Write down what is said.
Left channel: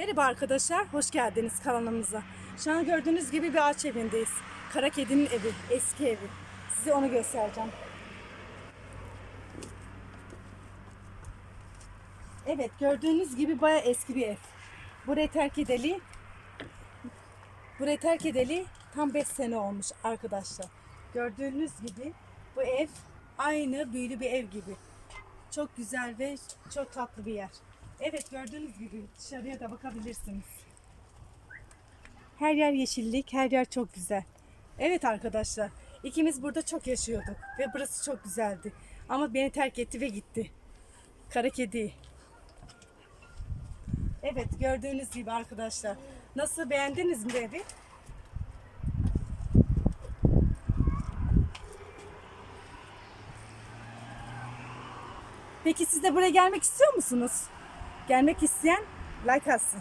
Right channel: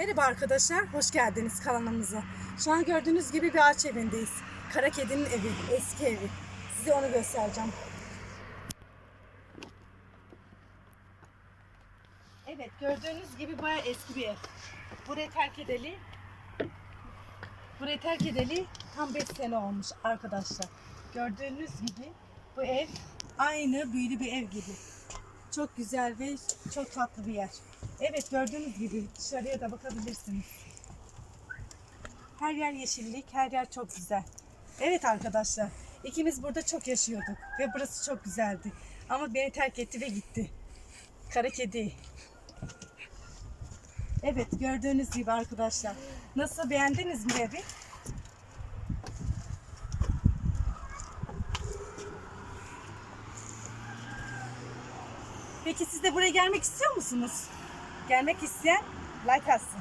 Merhaba arkadaşlar, hoş geldiniz kanalımıza. Şu an gördüğünüz gibi bir ağaç evindeyiz. Kara kedinin evi, eski evi. Size onu göstereceğim. Evet, gördüğünüz gibi bayağı eski bir ev. Burayı terk edeli, burayı terk edeli tam 5 sene olmuş arkadaşlar. Gördüğünüz gibi bu ev aynı büyülü bir ev gibi. Çok güzel ve çok tatlı bir yer. Evet gördüğünüz gibi dışarıya da bakabilirsiniz. Her yer yeşillik, her yer çok güzel. Evet arkadaşlar, ikimiz burada çok yaşıyorduk ve burası çok güzeldi. Ama beni terk etti ve gitti. Kara kedi. Evet gördüğünüz gibi arkadaşlar. Nasıl beğendiniz mi evi? Peki siz de buraya gelmek istiyor musunuz? Gelmek isteyen like atsın.